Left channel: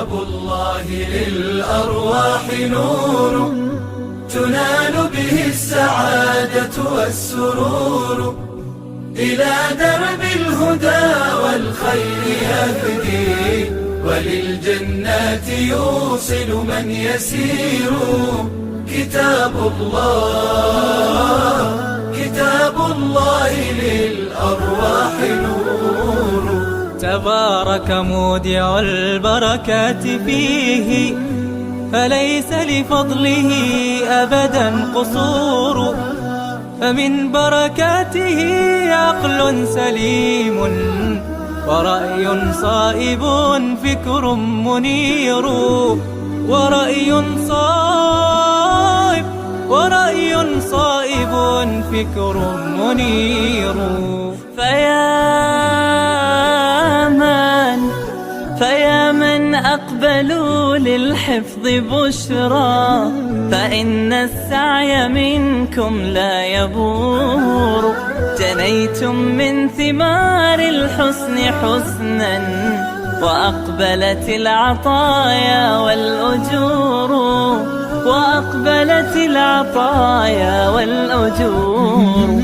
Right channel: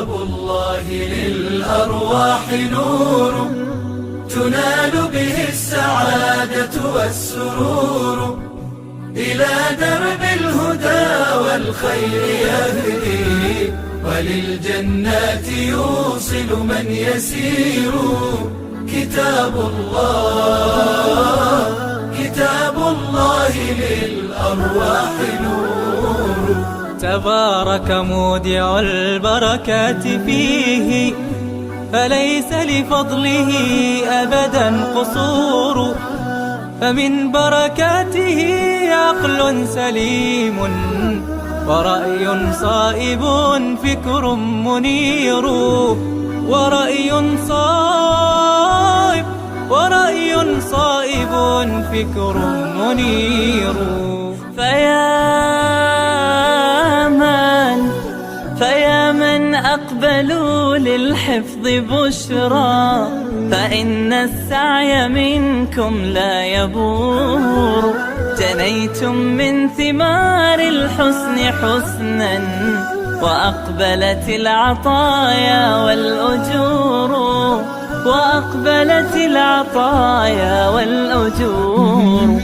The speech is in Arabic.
كتاب الله للأرواح نور، تنال به السعادة والسرور، إلى درب الهدى والخير يهدي، وللجنات يوصل من يسير. كتاب الله للأرواح نور. تبارك مودع البركات فيه، فليس لفضله أبدا قصور. فمن بركاته عقل سليم، ورأي صائب فكر منير. ورأي صائب فكر منير. فيا من أقبلوا للحفظ بشرى، فإن السعي منكم لا يبور. جنيتم من ثمار الحسن حسنا، وأقبلت العطايا والأجور.